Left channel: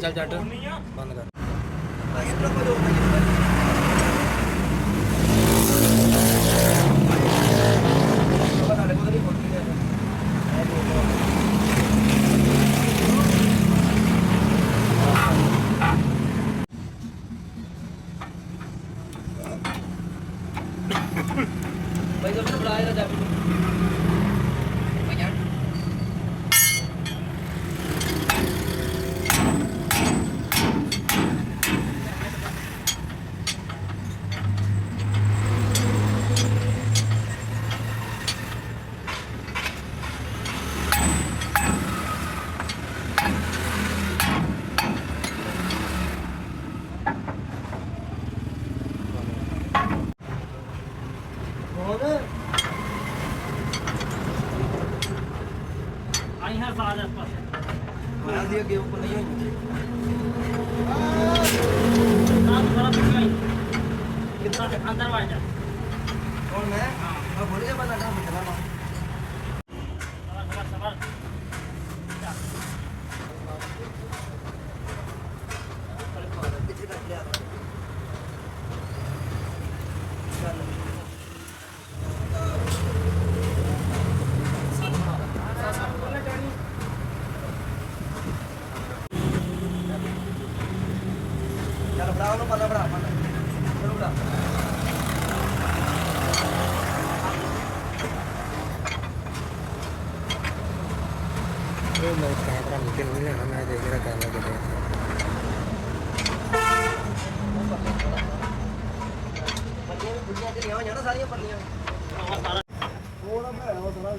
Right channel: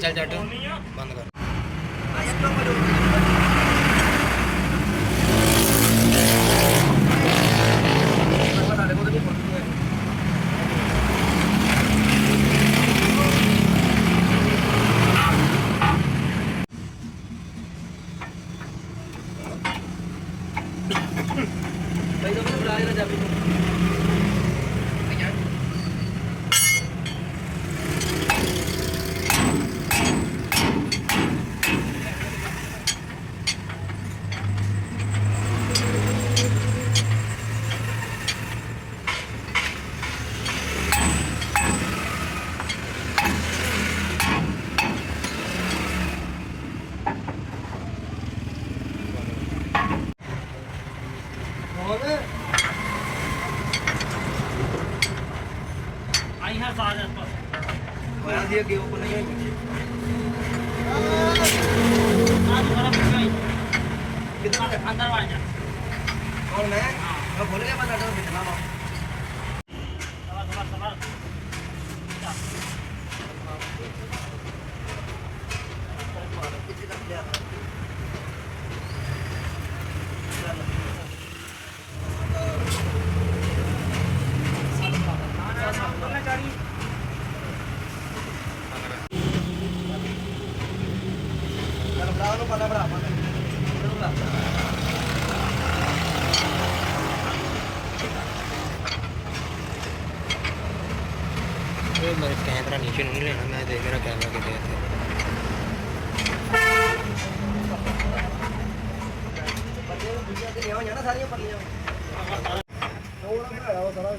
चल चल बंद कर। भाई जब बुलाया था आई हर साल आसपास होया दी अगे ऊपर नहीं होई आज बड़ा पिछाई कितना अंदर आ जा कौन मैं हां बोले मैं लड़ा बिठना ना सवाल किसी का क्या पता बड़ा पता चलूंगा मेरा कैमरा नीचे नहीं लेना मैं देख मेरा कैमरा किधर है बच्चे दुनिया के यहाँ जाना सारी पड़ियाँ थोड़ा सा है वो सारा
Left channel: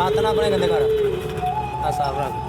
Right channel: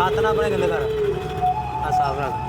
हाथ ना अपने गंदे कर साफ रख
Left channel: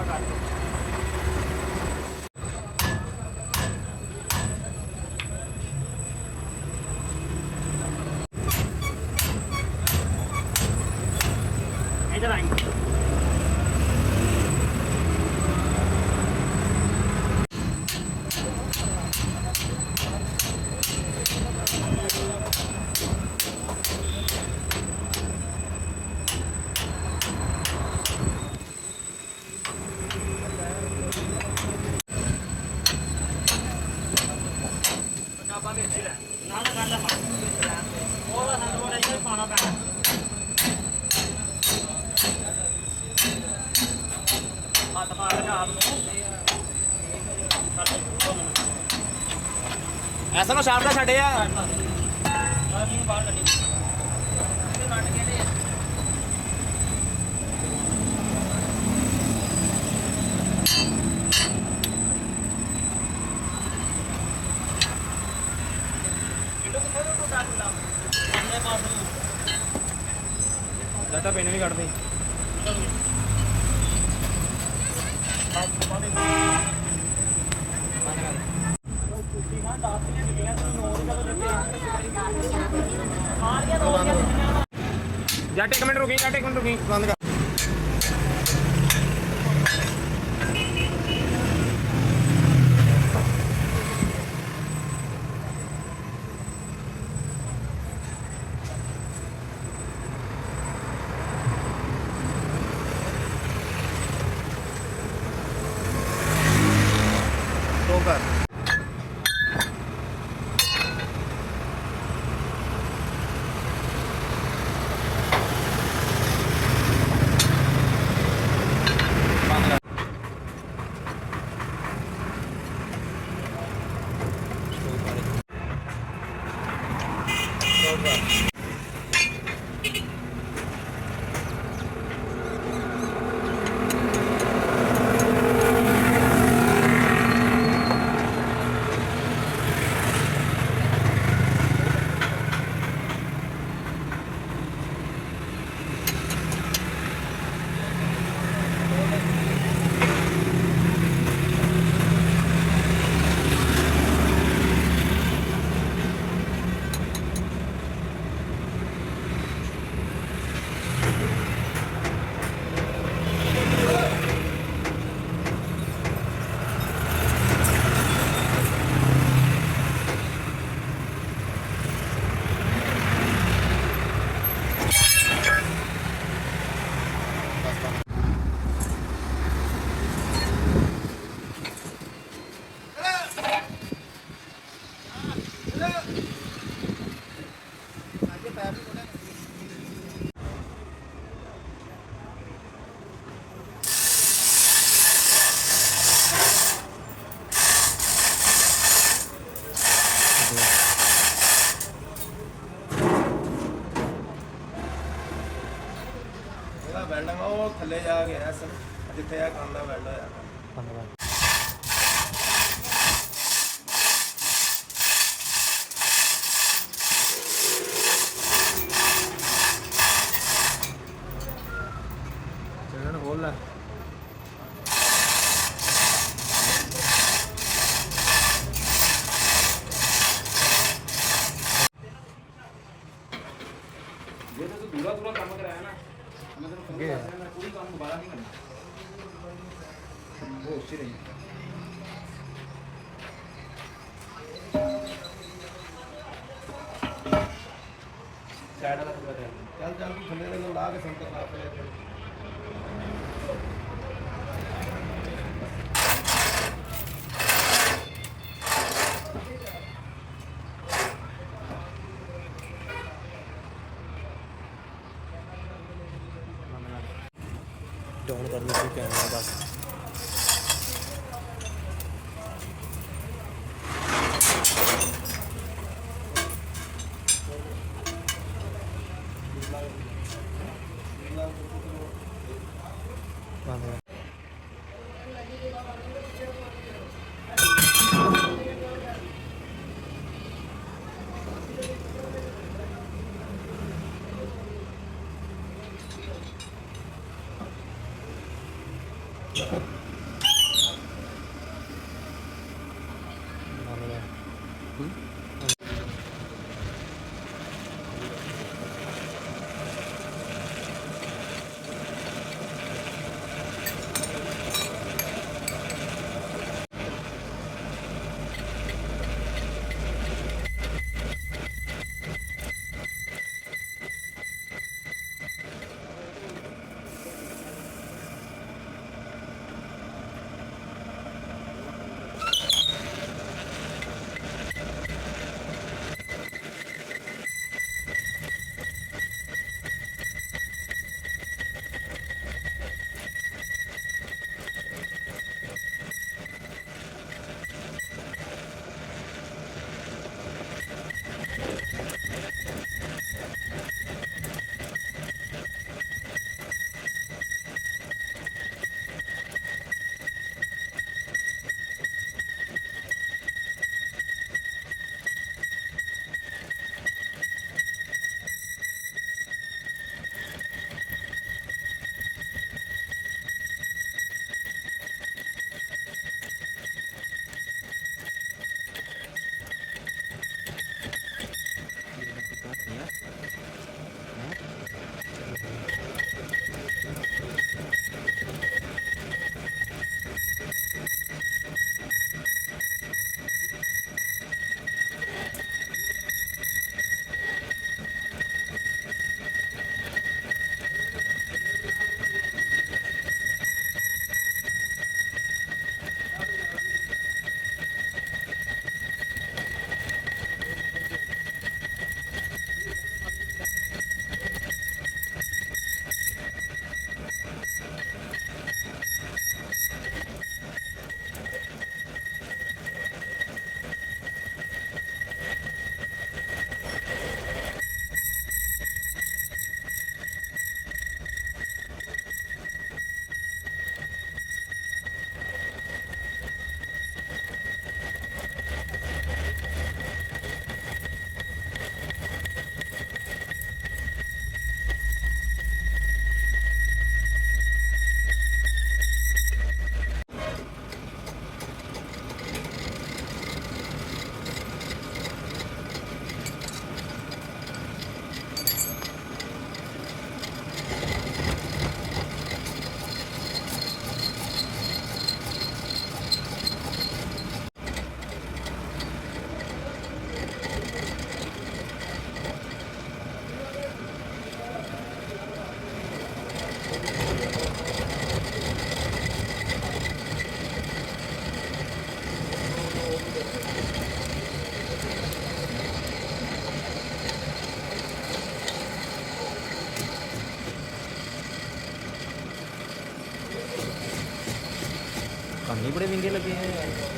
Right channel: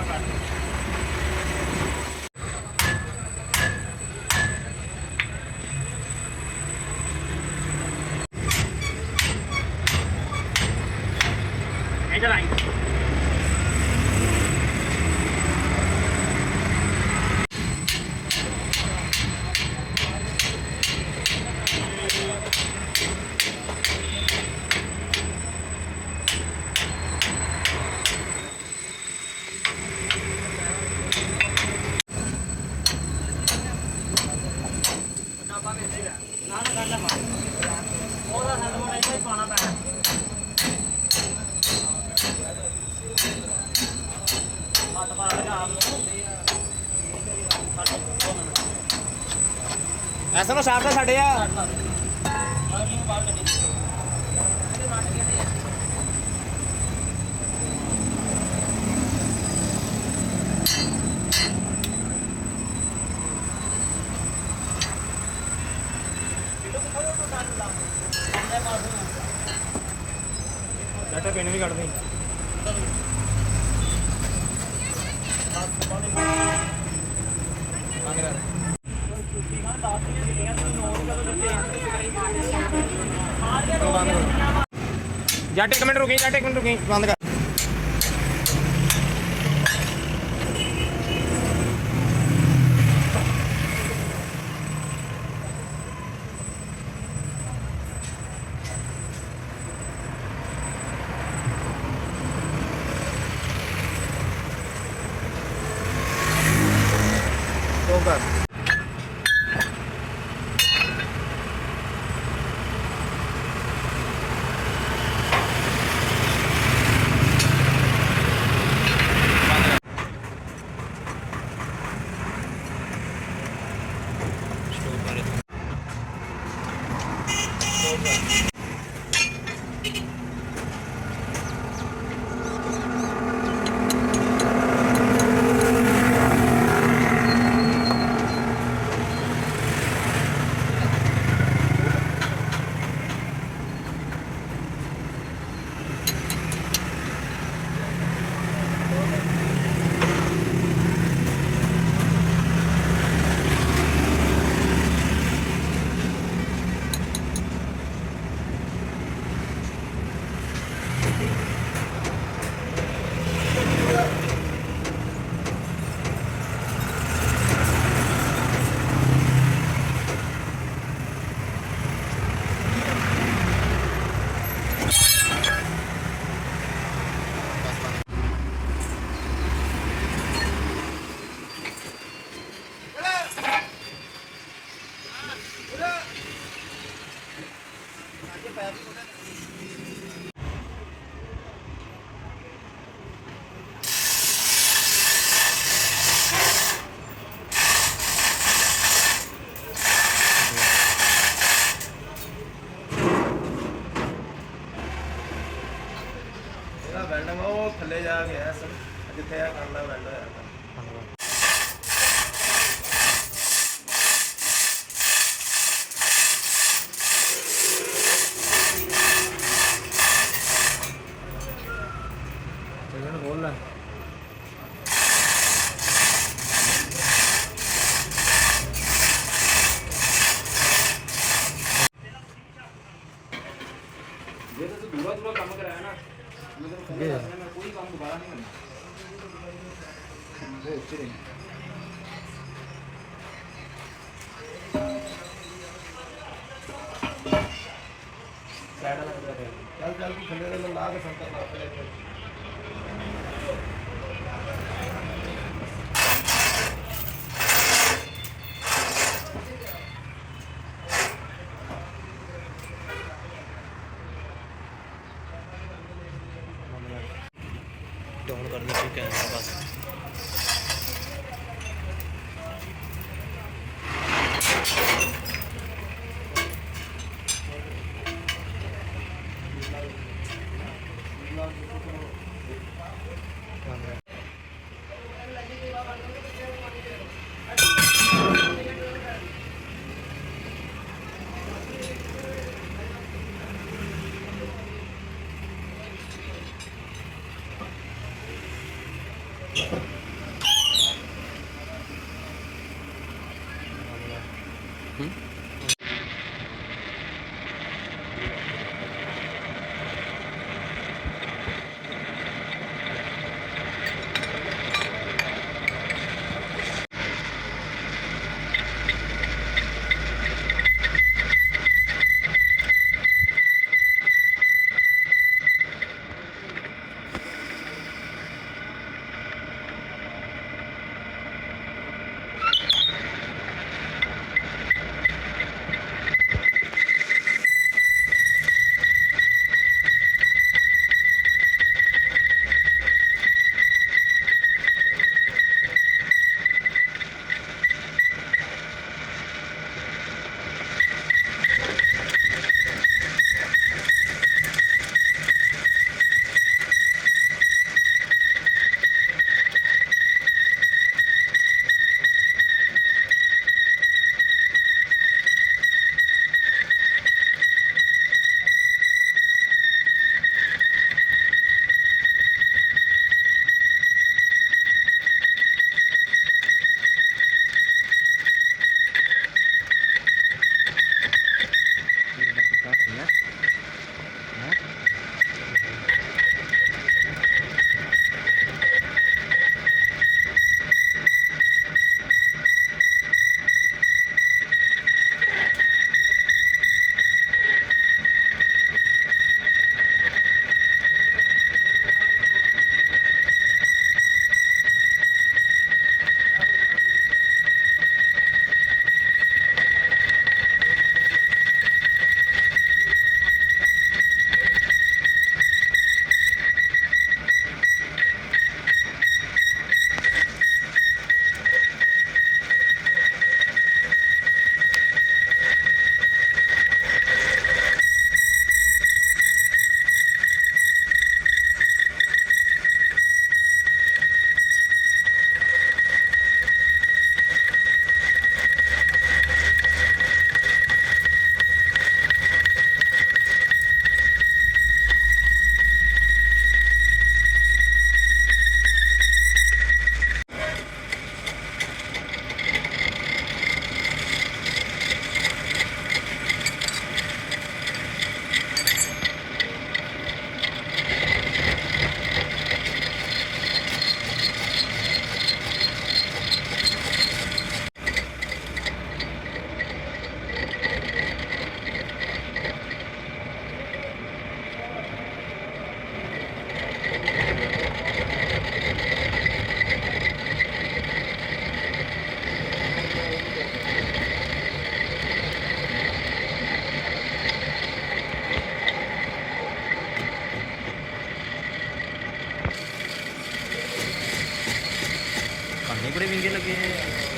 ਜਮਾ ਕਰ ਦੇ इधर आई ਡਾਬਾ ਵਿੱਚ ਹੀ ਰਹਿ ਨਾ ਨਾ ਕਰਨਾ ਪਾ ਉਹਦਾ ਸਾਨੂੰ ਬੜਾ ਹੀ ਪਾਣਾ ਪੈਣਾ ਹੱਥ ਪਾ ਲਗਾ ਆਪ ਨੂੰ ਐਸਾ ਨਾ ਸ਼ਾਰਟ ਦਾ ਛੱਡ ਯਾਰ ਆ ਜੀ ਨੂੰ ਬਾਹਰ ਕੱਢੀ ਇਹਦੇ ਕੱਟ ਕਿਹੜੇ ਆ ਕਿਲੋ ਕਿੱਥੇ ਤੋਂ ਕੱਟ ਲਾ ਇਹਦੇ ਪਾਸੋਂ ਬੇਟਾ ਪੈਨ ਵੀ ਕੱਢ ਦੇ ਜੱਟ ਇੱਕ ਮਿੰਟ ਰੁਕੀ ਜੱਟ ਇੱਕ ਮਿੰਟ ਰੁਕੀ ਬੰਦ ਕਰ ਉਹ ਥੱਲੇ ਜਾ ਕੇ ਆ ਸਰ ਕਿੱਥੇ ਆ ਕਰਨਾ ਪੈਂਦਾ ਖੋਲ ਲੈ ਜੇ ਤੂੰ ਦੂਰਾ ਦੂਰਾ ਕੰਮ ਕਰਾਇਆ ਨਾ मैं तेरे को पहले मैं कोई काम दोबारा नहीं करना वो अच्छी रही चल चल तू थले ला के संतर डाउन करने को कैमरा बस पानी बड़े महंगे लगे हैं।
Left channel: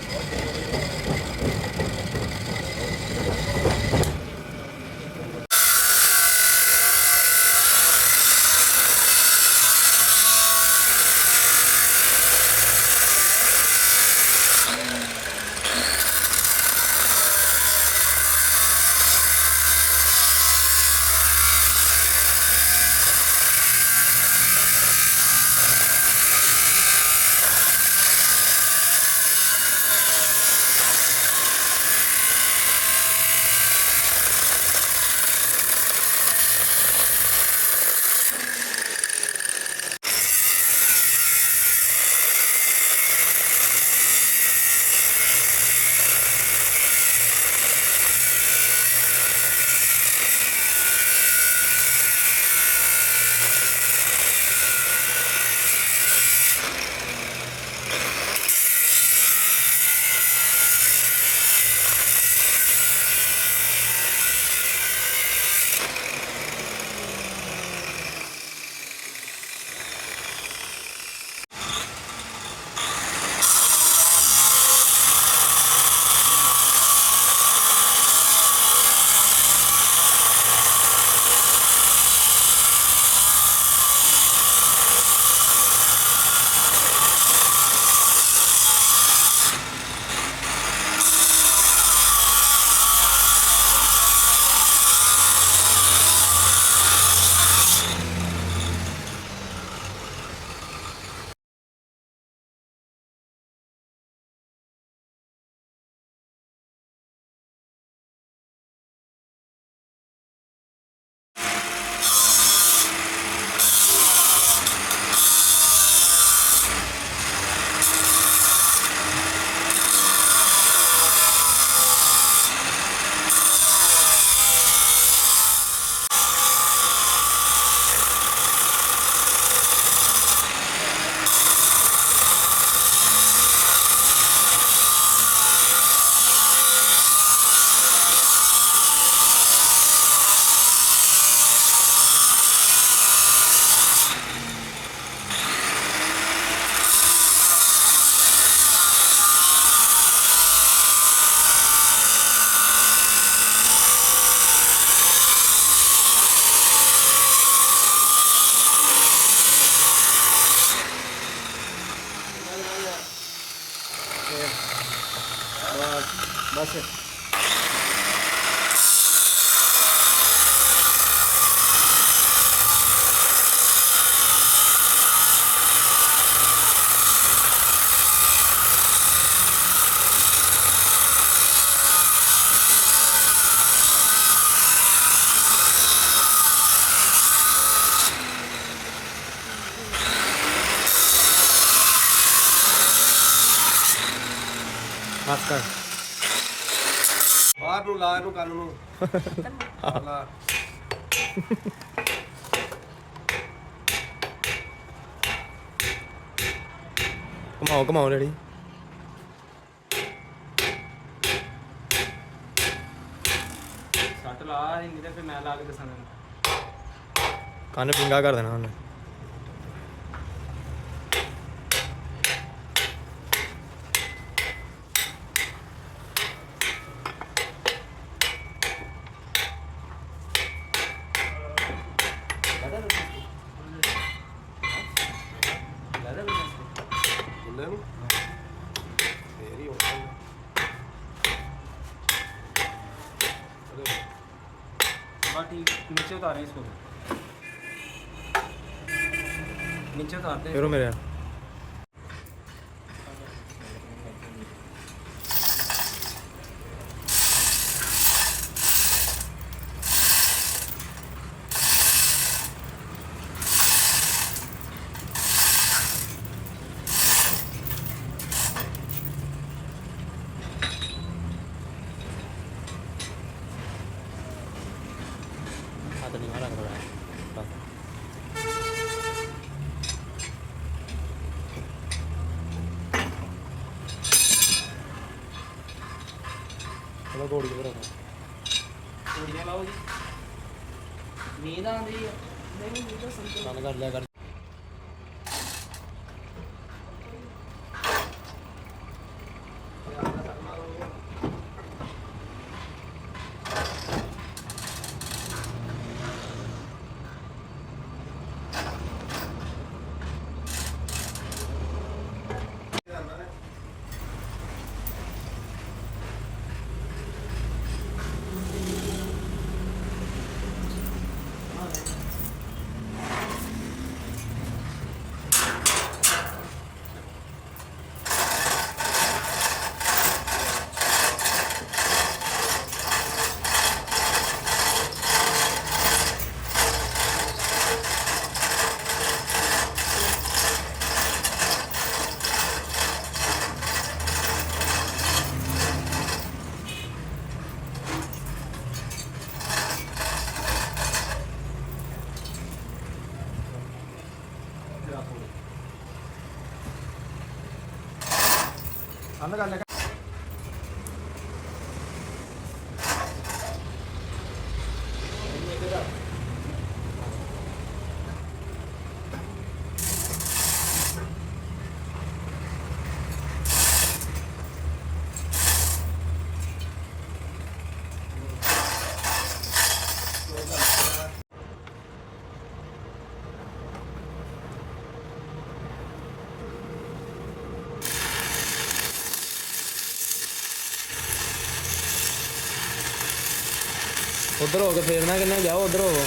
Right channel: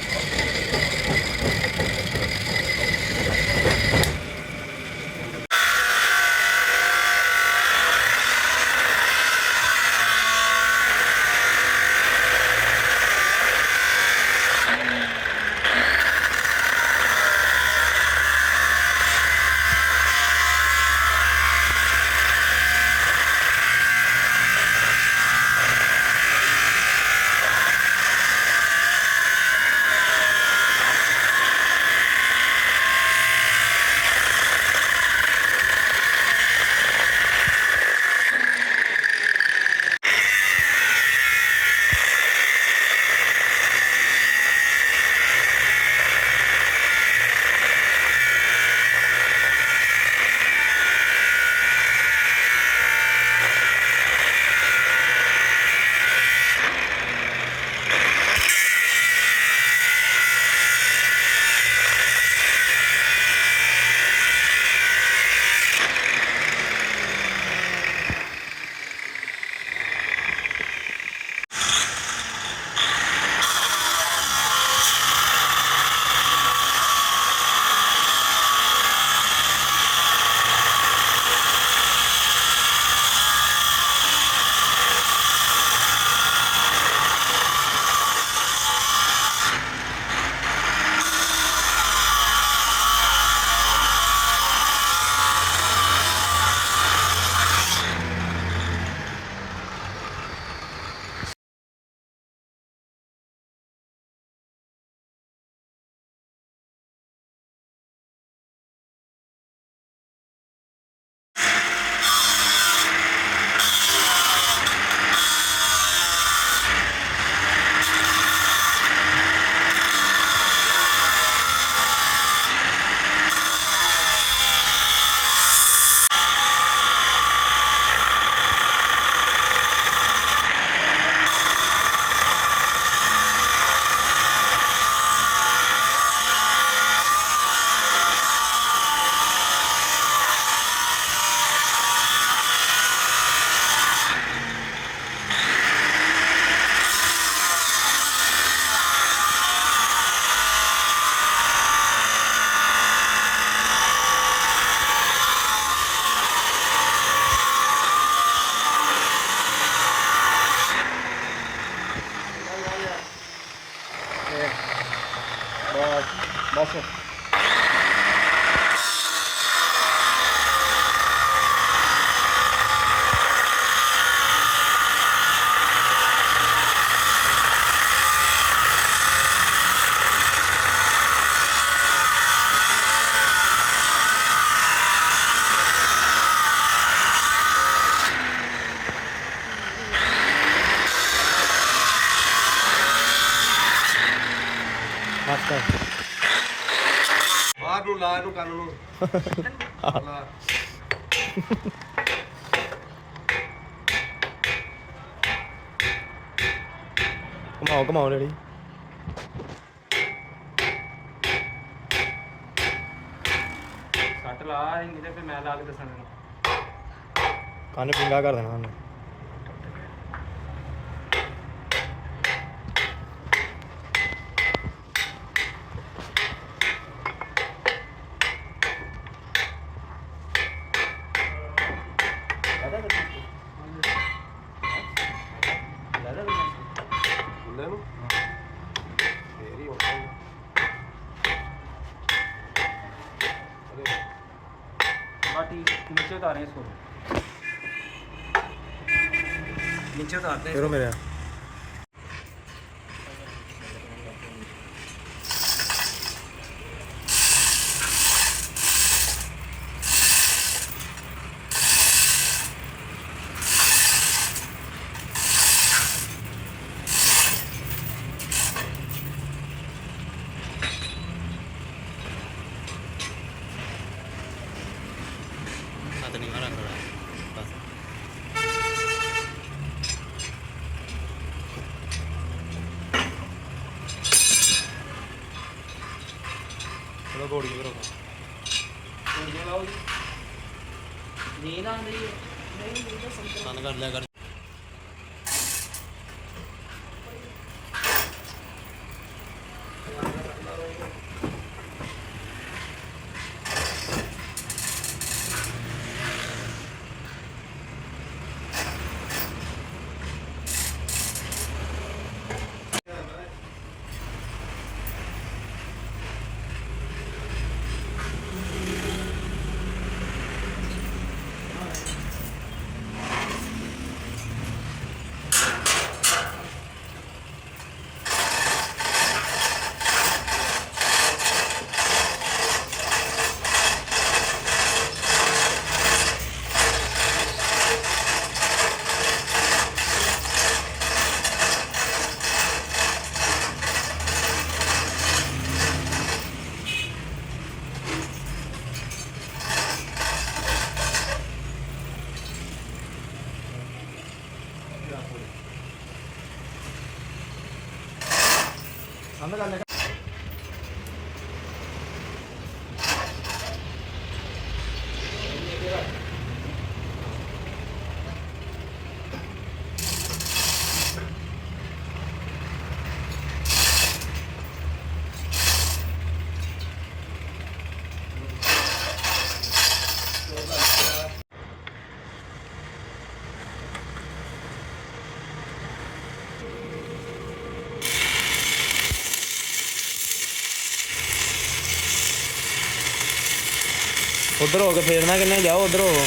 बस बस कर ਬਾਹਰ ਨੂੰ ਲਾ ਇਹਨੂੰ ਕੰਨ ਨੂੰ ਲਾ घुमाओ घुमाओ रेडी ਸੱਟ ਲਾ ਨਹੀਂ ਤੇ ਫਿਰ ਮੈਂ ਲਾ ਕੇ ਦੱਸਾਂਗਾ कान पिंगा कर देना उन्हें ਬੁੱਲੇ ਨੂੰ ਫੇਰ ਹੀ ਹੋਣਾ बाटी नीचे उतारें इसको नीचे उतारते हैं फिर मेरे हाथ नहीं मारा थोड़ा बस चलो घोड़ी के बराबर गोलियां लाओ जी नींद आ रही है नहीं मुझे समझ बंद कर लिया कर ਅੰਦਰ ਕਰ ਲੈ उधर हो के फेरना किन्ने जाओ उधर हो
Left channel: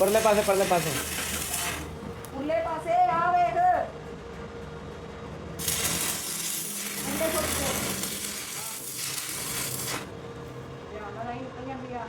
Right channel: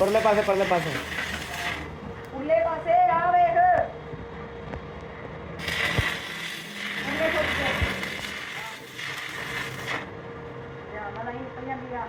परले पासे ਉਰਲੇ ਪਾਸੇ ਆ ਵੇਖ ਅੰਨੇ ਛੋਟੇ ਧਿਆਨ ਨਾਲ ਨਹੀਂ ਨਿਕਲ ਜਾਂਦੀ ਆ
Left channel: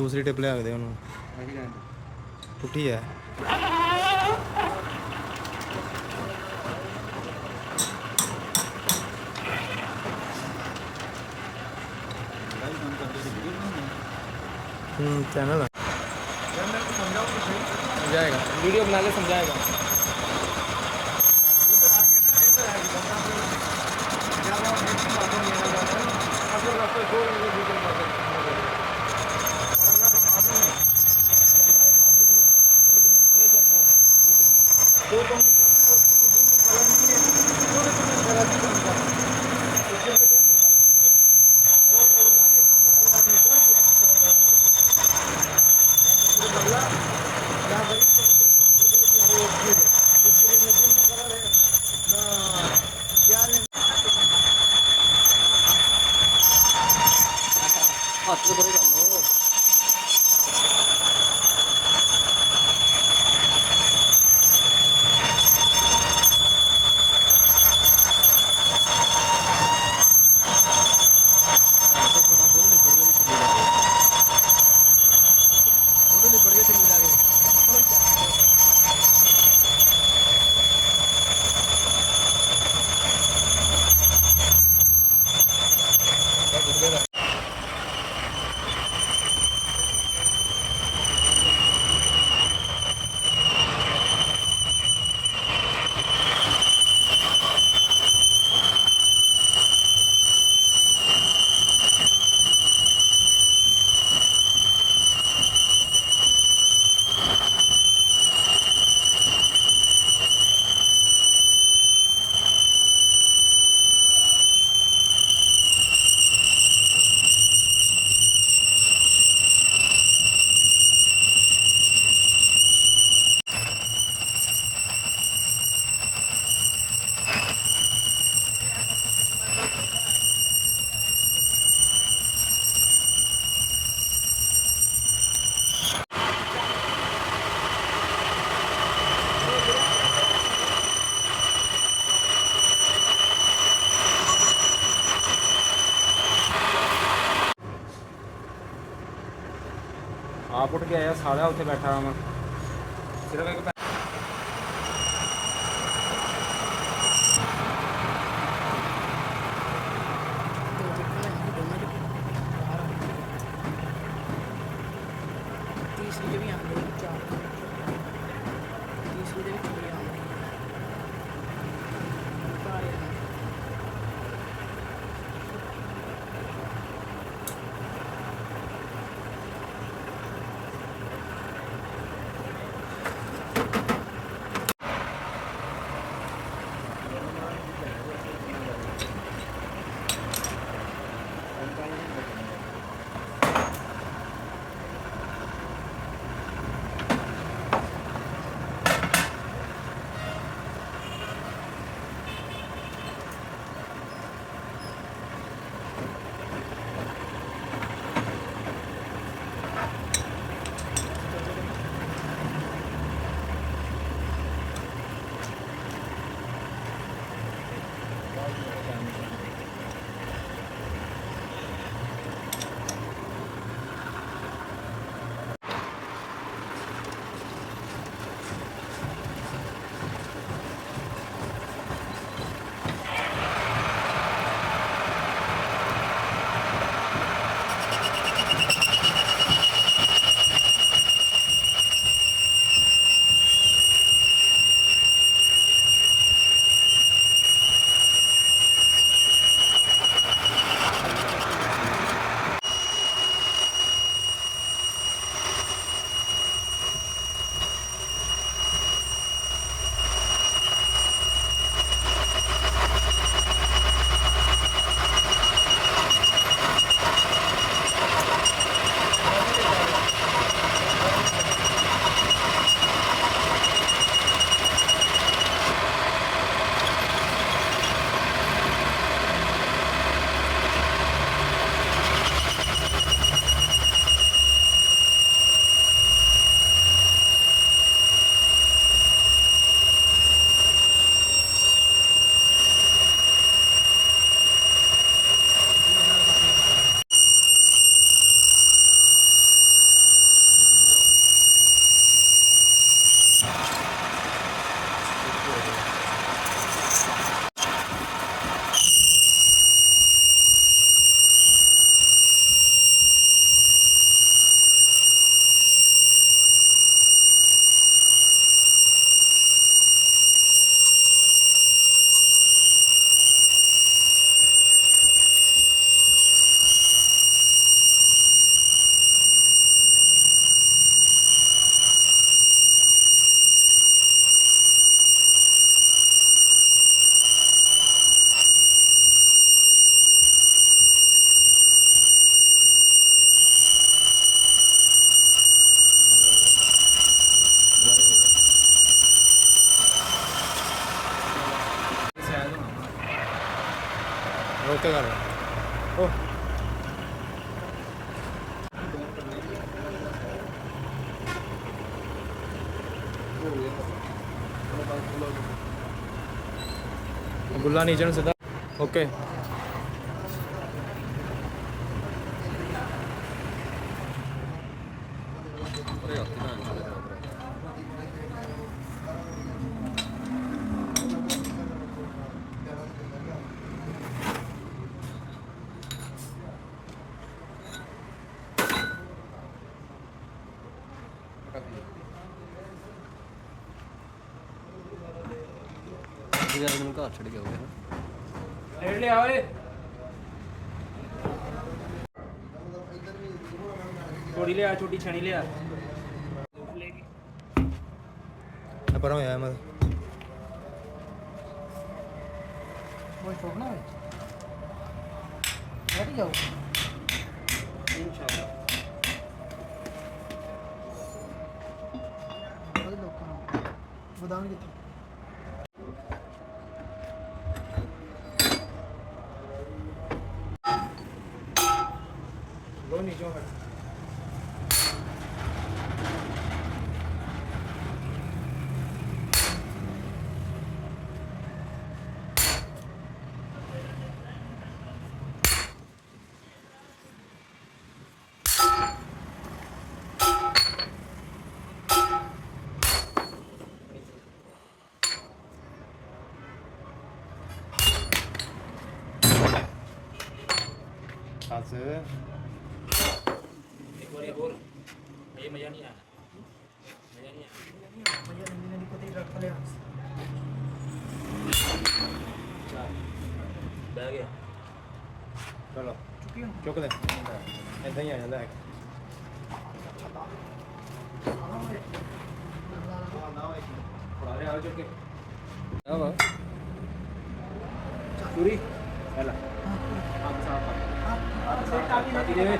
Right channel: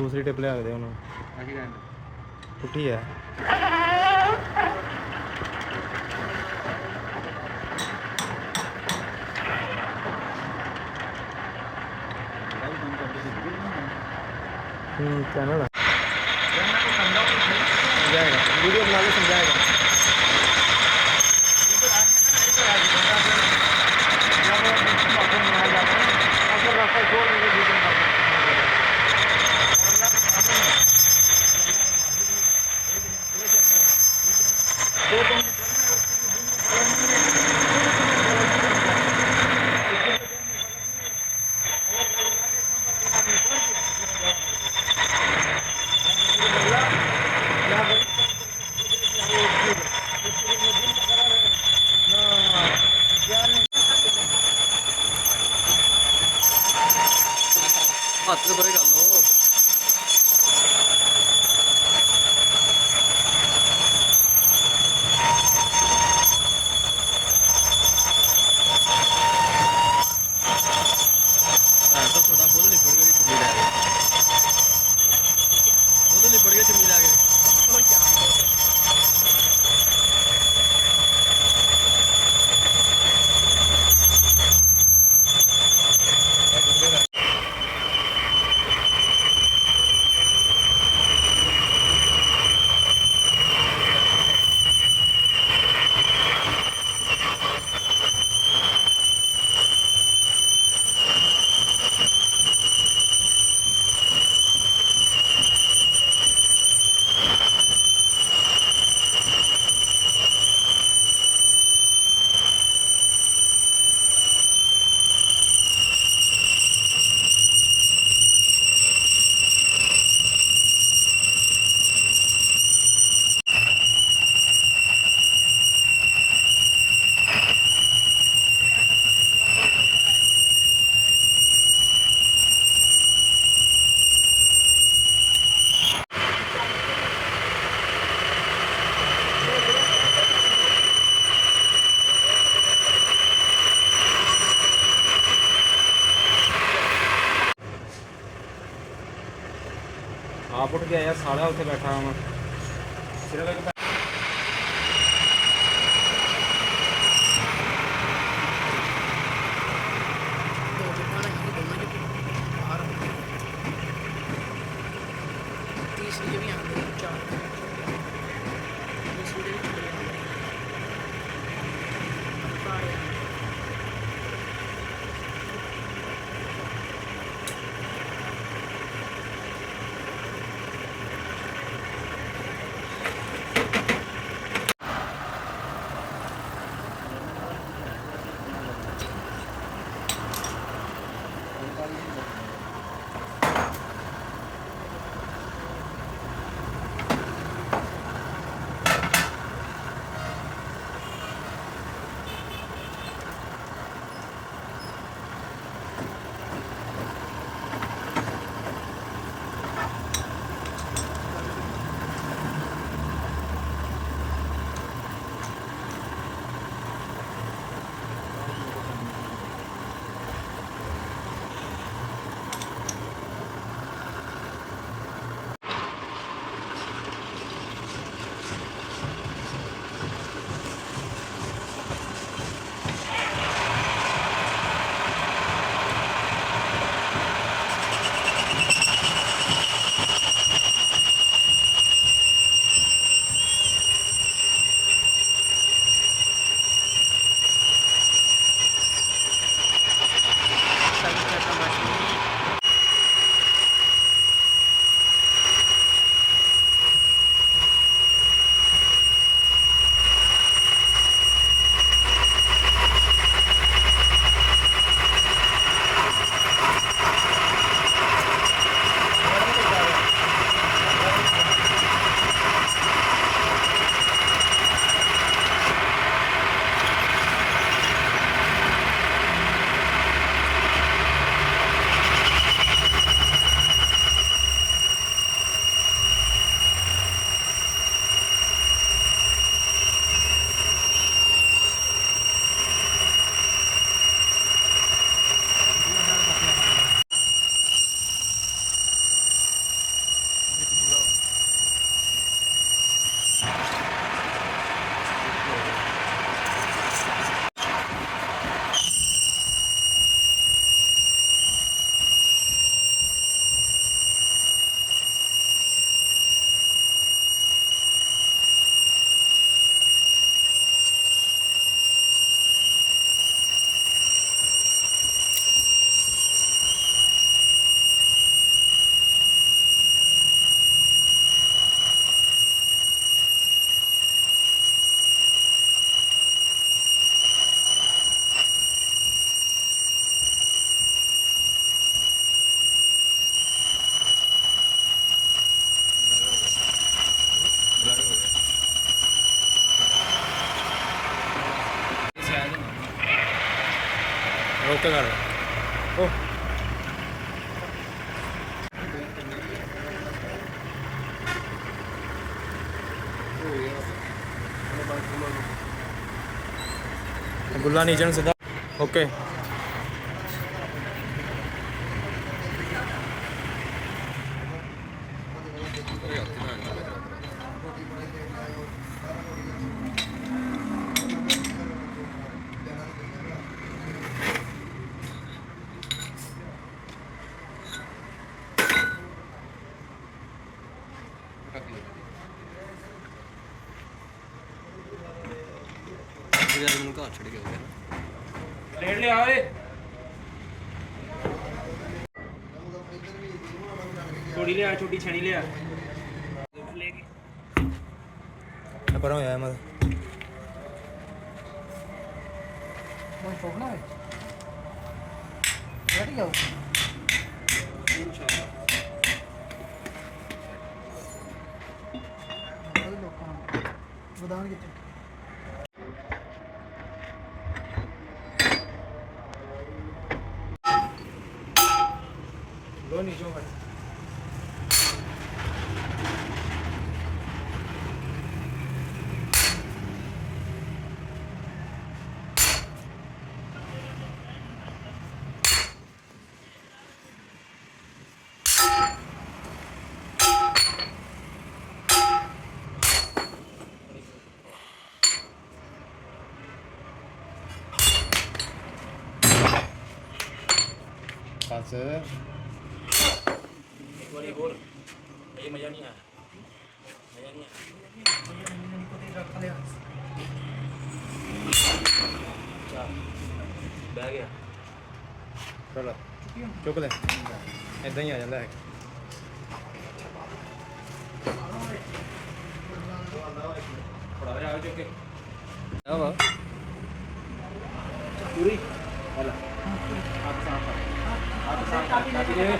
ਦੂਸਰੀ ਟਿਪ ਲਿਆ ਕੇ ਦੇ ਉਹਨੂੰ ਆਹੀ ਰਹਿਣ ਪੁੱਠੀ ਹੈ चैनल समझाएगा वीडियो बना के समझाएगा ਹੱਥ ਤੇ ਬਰੇ ਕਰ ਲੋ ਤਾਂ ਥੋੜਾ ਬੋਲ ਲਿਪੜ ਕੇ ਚੁੰਨੀ ਲਾ ਕੇ ਉਹਦੇ ਲਿਪੜ ਕੇ ਚੁੰਨੀ ਲਾ ਕੇ आप उठ के आया साड़ा उत्थे बैठा मैं सिर्फ एक ਓਕੇ ਕਰ ਓ ਗੁੱਲਾ ਨੀਚੇ ਨੂੰ ਸਿੱਧਾ ਓਕੇ ਯਾਰ ਮੈਨੂੰ ਘਰ ਛੱਡ ਕੇ ਆਉਂਦੇ ਪਲੇਟ ਲਿਆ ਓਏ ਛੋਟੀ ਲਿਆ ਛੋਟੀ ਛਣੀ ਲਿਆ ਪਰ ਹੋਇਆ ਮੈਂ ਕੋਈ ਛੋੜਨਾ ਹੈ ਬੈਠ ਜਾਓ ਇਨਸ਼ਾਅੱਲਾ ਬੜੇ ਲੋਕਾਂ ਨੂੰ ਬਦਾਨ ਕਿੱਥੇ ਲੋ ਨੀਚੇ ਨੂੰ ਬਸ ਇੱਕ ਵਾਰੀ ਹੋਰ ਇਹ ਮਜ਼ਾ ਨਹੀਂ ਆਇਆ ਮਜ਼ਾ ਨਹੀਂ ਆਇਆ ਚੱਲ ਬਹਿ ਗਿਆ ਚਲੋ ਚੁੱਕ ਲੈ ਇਦਾਂ ਹੀ ਆ ਜਾਂਦਾ ਹੈ ਫੜਾ ਲਿਆ ਚੁੱਕ ਕੇ ਆ ਵਾ ਪੂਰੀ ਹੈਲਾ ਆਪ ਸਾਫ ਆਪ ਸਾਫ ਕਾਟੀ ਦੇ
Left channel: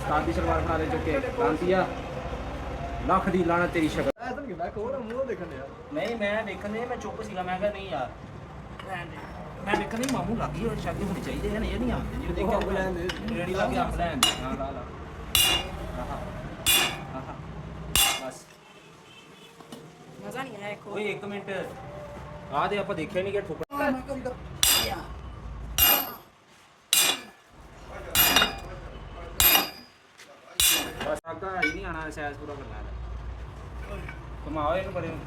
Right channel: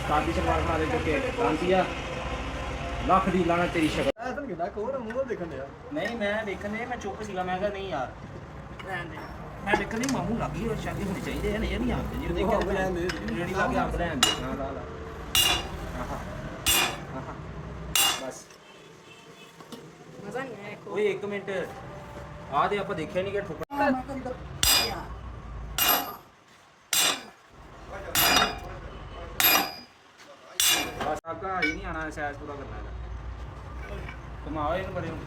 ਸਾਦੀ ਸਲਵਾਰ ਖਾ ਦੇ ਚੁੱਕ ਕੇ ਕ੍ਰਾਂਤੀਆ ਲੱਖ ਦੀ ਲਾਣਾ ਤੇਰੀ ਸ਼ਕਲ ਐਸਾ ਕਿਹੜਾ ਕੋਰ ਮੂੰਹ ਦੇਖਣ ਡਿਆ ਨਹੀਂ ਮੈਂ ਵੇਖਣ ਦੇ ਮੈਂ ਚੁੱਪ ਸੀਗਾ ਮੈਂ ਕਿਹਾ ਨਹੀਂ ਯਾਰ ਰਹਿਣ ਦੇ ਮੈਂ ਵੇਖਣ ਨਹੀਂ ਮਾਮੂ ਲੱਗੀ ਉਹ ਸ਼ਾਗੀ ਹੋਣੀ ਚਾਹੀਦੇ ਹਨ ਇਹ ਨਹੀਂ ਆਉਂਦੇ ਜੀ ਦੇਖਿਆ ਅੰਬ ਲੈਣ ਦੇ। ਰੇੜੀ ਲਾ ਕੇ ਅੰਬ ਲੈਣ ਦੇ ਹਾਂ ਲਾ ਲਾ ਆਹਾ ਆਹਾ ਬਸ ਮਜ਼ਾ ਨਹੀਂ ਆਇਆ ਓਏ 1 ਮਿੰਟ ਆ ਦੇ ਆਪਾਂ ਦੇਖਿਆ ਨਹੀਂ ਕਿ ਠੋਕਰ ਮੈਂ ਕਰੀ ਕਰ ਬਸ ਅੱਗਾ ਹੀ ਨਹੀਂ ਆਣਾ ਸੈਸ ਪੂਰਾ ਕਰਨਾ ਇਹਦਾ ਘੁਮਾਓ ਇਹਨੂੰ ਬੜੇ ਨੂੰ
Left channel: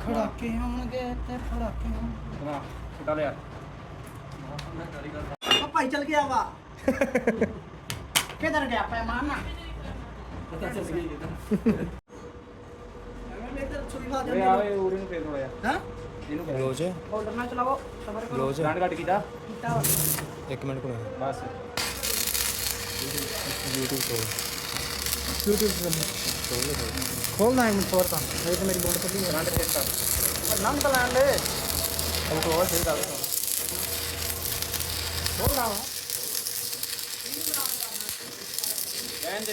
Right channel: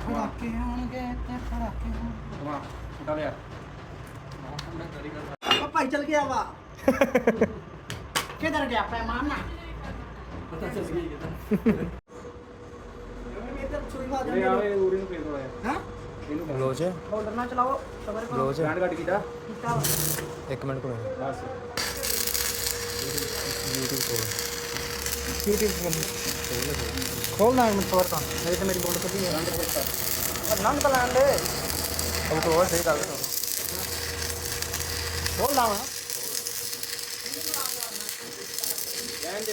ਫੜਾਕੇ ਹੋਣਗੇ ਤੇ ਫੜਾਕੇ ਹੋਣ ਘੁਮਾ ਛੁੱਟਾ ਲਿਆ ਆ ਭਾਈ ਚਲ ਗਿਆ ਵਾ ਕਿਧਰ ਗਿਆ ਪੈਮਾਨਾ ਪਤਾ ਚੱਲ ਗਿਆ ਮੈਂ ਤਾਂ ਛੁਰੀ ਖਾ ਓਏ ਆਵੇ ਉਰੇ ਨੂੰ ਫੇਰ ਹੋਇਆ ਹਾਂ ਇਹਨੂੰ ਕਰ ਬਲੋਚ ਹੋਲਡਰ ਨਾਲ ਚਲਾਓ ਸਬਰ ਕਰੋ ਬਲੋਚ ਗੰਢ ਕੱਟ ਕੀਤਾ ਕੀਤਾ ਵਾ 1 ਮਿੰਟ ਕੋਲ ਬਸ YouTube ਕੋਲ खोलना है मुझे तो मेरी तो मेरी बोर्ड पर भी है नंग तो लैंड है अब तो और सही डाल दो खोल रहा हूं ਰਹਿਣ ਦੇ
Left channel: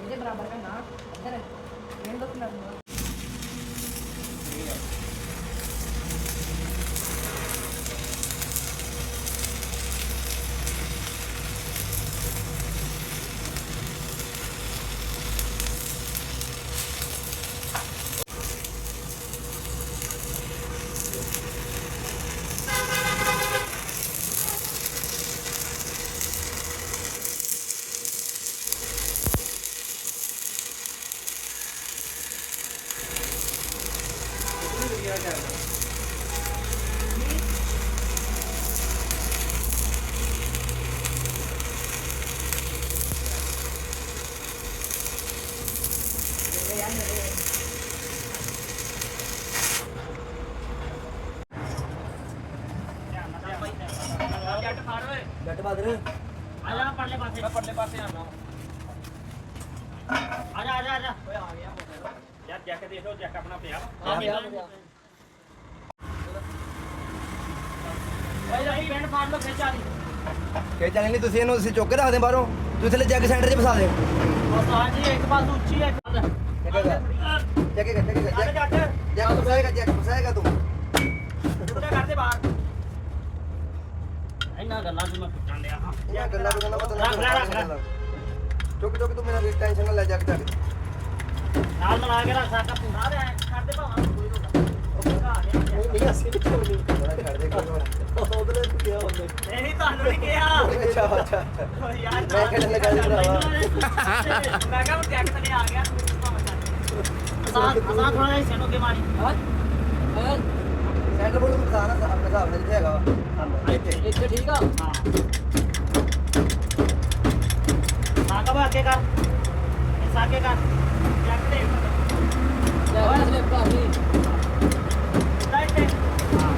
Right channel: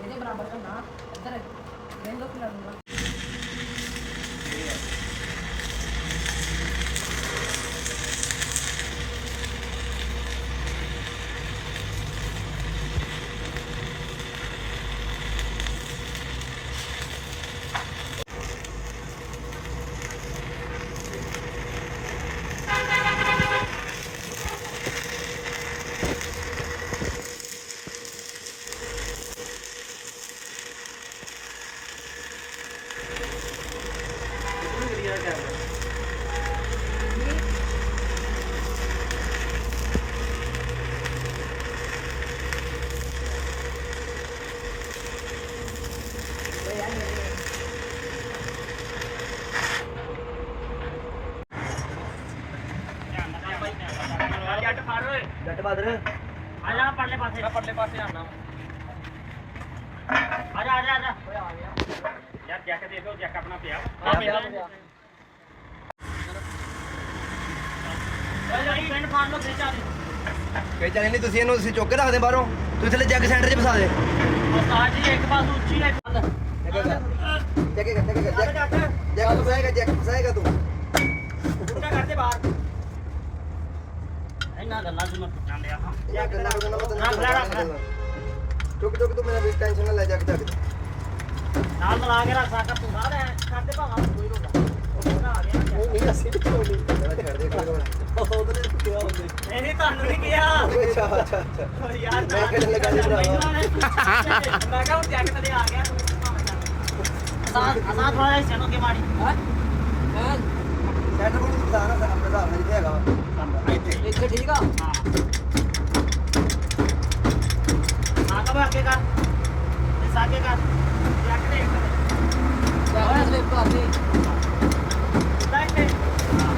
ਇਹਦੇ ਬਰਾਬਰ में ना इधर रेंडो कलर में ਬਾਦਰ ਆ ਜਾ ਪਰਲੇ ਪਾਸੇ ਪਰਲੇ ਪਾਸੇ ਆਣਾ ਆ ਜਾ ਓਏ ਆ ਗਿਆ ਯਾਰ ਚੈੱਕ ਦੇਖੋ ਚੈੱਕ ਆਪਣਾ ਪਿਆ ਓਏ ਲਈ ਪਿੰਡ ਫਾੜ ਲੋ ਫੇਚਾ ਦੀ ਕੋਈ ਚੱਲ ਨਹੀਂ ਤੁਸੀਂ ਇਹਨੂੰ ਤੁਸੀਂ ਚੁੱਕ ਕੇ ਰੱਖ ਦੇ ਬਾਹਰੋਂ ਤੁਸੀਂ ਥੱਲੇ ਚੈੱਕ ਸੈਂਟਰ 'ਚ ਫਸਾ ਦੇ ਉਹ ਸਾਜੀ ਇੱਕ ਪਾਸ ਉੱਚੀ ਹੈ ਚੱਲ ਚੈੱਕ ਫਸਾਏਗਾ ਤੂੰ ਉਹਦੇ ਕਰਦੇ ਬਾਹਰ ਇਹਨਾਂ ਗੱਲਾਂ ਨੂੰ ਮੈਂ ਪੁੱਛਾਂ ਲਿਆ ਹਾਂ ਚੁੱਕ ਤੂੰ ਮੇਰਾ ਵੀ ਟੈਨਸ਼ਨ ਨਾ ਲੈ ਜਾ ਕੇ ਨਾਲ ਮਿਲਾ ਕੇ ਰੱਖ ਸਕਦਾ ਤੂੰ ਸਾਰੇ ਕਰਦੇ ਭਾਵਾਂ ਕੋਈ ਰੋਲਾ ਉਹ ਪੂਰਾ ਆ ਗਿਆ ਨਹੀਂ ਅਸੀਂ ਕਿੱਥੇ ਨਹੀਂ ਛੱਡ ਦੇ ਕੋਈ ਉਹਦੇ ਕਿਹਾ ਹੁੰਦੇ ਨਹੀਂ ਤੁਹਾਨੂੰ ਨਹੀਂ ਕਿਹਾ ਅੱਛਾ ਓ ਯਾਰ ਮੈਂ ਕਿਹੜੇ ਲਗਾ ਲਈ ਭਰਾਵਾ ਮੈਂ ਕਹਾਂ ਜੈਕਟ ਤੇ ਆ ਗਿਆ ਤੂੰ ਭਾਵਾਂ ਚੱਲ ਅਸਾਂ ਥੋੜਾ ਜਿਹਾ ਸੈਨੋ ਕੇ ਮਾਰੀ ਸੈਂਟਰ ਕੋਲ ਫਸਾਣਾ ਸਾਹਮਣੇ ਹਿਸਾਬ ਨਾਲ ਹੈਗਾ ਵਾ ਇੱਥੇ ਠੀਕ ਆ ਹਾਂ ਹਾਂ ਕਬ ਅੱਗੇ ਕਰ ਇਸ ਅੱਗੇ ਕਰ ਜੈਕਟ ਦੇ ਓਏ ਸਲਿਪ ਕਰ ਦੀ ਲਾਈਟ ਹਾਂ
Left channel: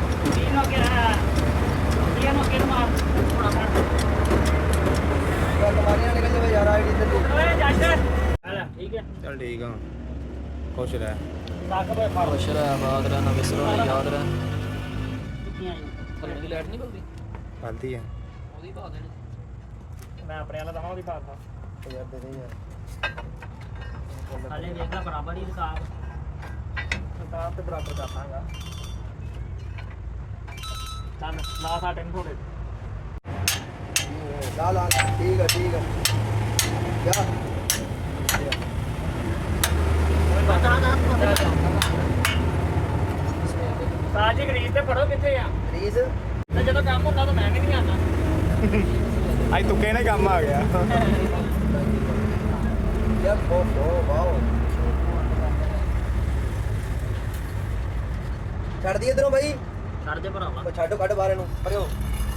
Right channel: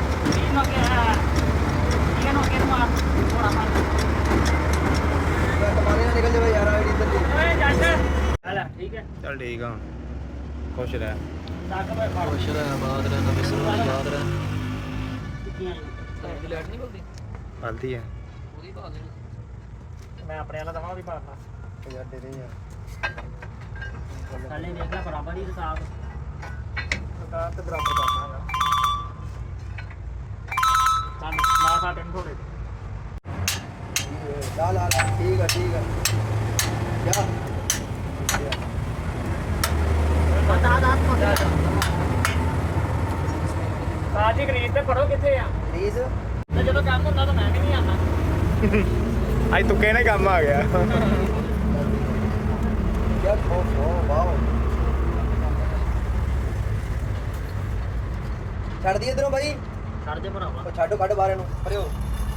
ਇਹਨੂੰ ਕੇ ਮਾਰ ਥੋੜਾ ਮਾਰ ਤੁਹਾਡੇ ਨਾਲ ਨਿਕਲ ਜਾਵੇ ਯਾਰ ਆਈਡੀ ਤੇ ਓਏ ਜੱਟ ਹਲਾ ਠੀਕ ਹੈ ਚੱਲ ਠੀਕ ਆ ਖੁਸ਼ ਰਹਿ ਸਾਕਬ ਫੜ ਖੁਸ਼ ਰਹਿ ਬਾਦਰਾ ਨਾ ਬਿਸਰਾ ਯਾਦ ਰਹਿ ਟਿੱਕੀਆਂ ਦੀ ਲਾਈਟ ਨਹੀਂ ਬਲਦੀ ਗਲਤੀ ਆ ਉਹਦੀ ਪਾ ਦੇਣੀ ਮੈਂ ਆਪਣੇ ਵਾਲਾ ਦਵਾਂ ਵੀ ਪਾਤਾ ਯਾਰ ਦੇ ਦੇ ਯਾਰ ਥੱਲੇ ਵੇਖ ਲੈ ਬਰਾਬਰ ਹੀ ਰਕਾਬ ਰਕਾਬ ਤੇ ਬਰਾਬਰ ਕਰਨਾਗਾ ਤਾਂ ਲਾ ਸਾ ਟੈਨ ਥੋੜੇ ਲਾ ਠੀਕ ਆ ਜਾ ਪਤਾ ਨਾ ਸਾਜੀ ਗਰੀਬ ਤੇ ਪੜੋ ਕਿੱਥੇ ਆ ਪਲੀਜ਼ ਤੇ ਜਦੋਂ ਕੰਮ ਹੁੰਦਾ ਤਾਂ ਮੈਂ ਵੀ ਨਹੀਂ ਆਉਂਦਾ ਅੱਜ ਤੁੱਕੇ ਨਾਲ ਕੰਮ ਆ ਗਿਆ ਯਾਰ ਵਾਓ ਛੱਡ ਦੀ ਇਧਰੋਂ ਬਾਈ ਛੱਡ ਦੇ ਭਰਾਵਾ ਉਹ ਛੱਡੋ ਕੱਢ ਬਾਹਰ ਇਹਨੂੰ ਪਰਿਓ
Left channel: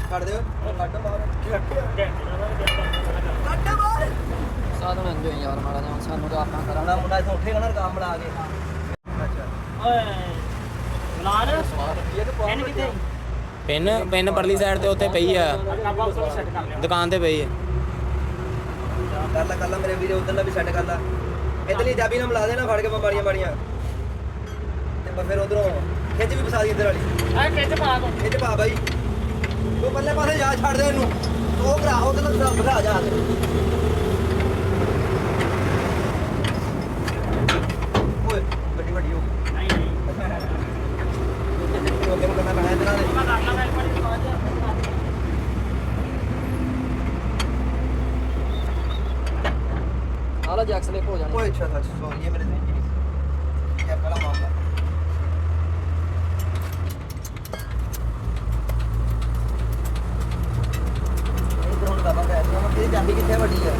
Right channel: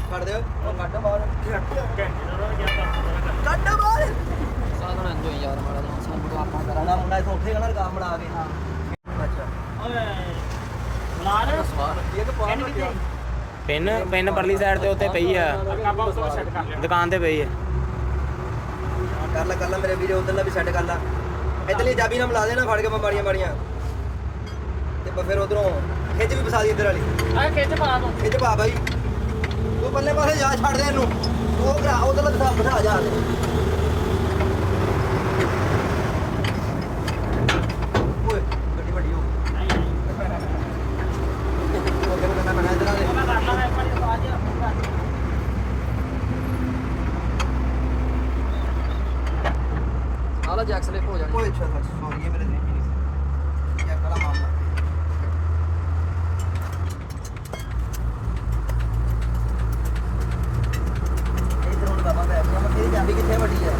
ਛੱਡ ਦਿਓ ਉਹ ਕੱਢ ਬਾਹਰ ਘੰਟੇ ਦਾ ਤਾਂ ਗਿਆ ਤਾਂ ਕੱਢ ਬਾਹਰ ਸਾਧਨ ਅੰਜੋ ਯਾਰ ਮਾੜਾ ਜਿਹਾ ਸਾਨੂੰ ਕਰਨਾ ਕਰਾਣਾ ਮੁੰਡਾ ਇੱਥੋਂ ਉੱਠੇਗਾ ਨਾ ਕੰਮ ਬਣਾ ਕੇ ਓਏ ਬਲਾਰ ਸਵਾਰ ਇਹ ਤਾਂ ਪੈਨ ਕਿੱਥੇ ਪਿੰਨ ਪਰਲੀ ਸਾਈਡ ਤੇ ਉੱਤੇ ਪਈ ਆ ਕਾਬਾ ਉਸ ਨੂੰ ਸੈੱਟ ਕਰ ਲਿਆ ਦੁਕਾਨ ਤੇ ਪਈ ਆ ਕਰ ਲੈ ਮੇਰੇ ਵੀਰੇ ਉਧਰਲਾ ਵੀ ਸੈੱਟ ਕਰ ਲੈ ਇਧਰਲੀ ਚਾਬੀ ਨਾਲ ਮਿਲਾ ਦੇਣਾ ਫੜ ਕੇ ਮਾੜੀਆਂ ਤੇ ਫਿਰ ਉਧਰੋਂ ਖਿੱਚ ਵੀ ਫਸਾ ਦੀ ਇੱਧਰ ਵਾਲੀ ਆ ਖਿੱਚ ਪਾ ਦੋ ਖਿੱਚ ਪਾ ਬਾਈ ਤੂੰ ਪੱਲੇ ਪਾਸੇ ਜਾ ਛੱਡ ਦੇ ਇਹਨੂੰ ਉਹ ਭਰਾ ਉਧਰਲਾ ਬਿਠਾ ਜਾ ਓਏ ਗੱਡੀ ਵੱਡੀ ਹੋ ਨਹੀਂ ਉਹ ਕੰਮ ਕਰਨਾ ਪੈਣਾ ਇਧਰ ਦੇ ਮੈਂ ਕਰ ਲਾ ਇੱਕ ਮਿੰਟ ਬਾਅਦ ਆਲਾ ਜੈਕ ਸਲਿਪ ਹੋ ਜਾਣੀ ਓਏ ਅੱਛਾ ਸੌਰੀ ਇਹ ਮੇਰੇ ਨਹੀਂ ਇਹ ਬੜਾ ਮਾਮਲਾ ਇਹ ਤਾਂ ਹੁਣ ਦਾ ਬੰਦਾ ਹੈ ਉਹ ਤੇਰੀ ਚਾਬੀ ਕਿੱਥੇ ਵੱਡੀ ਹੈ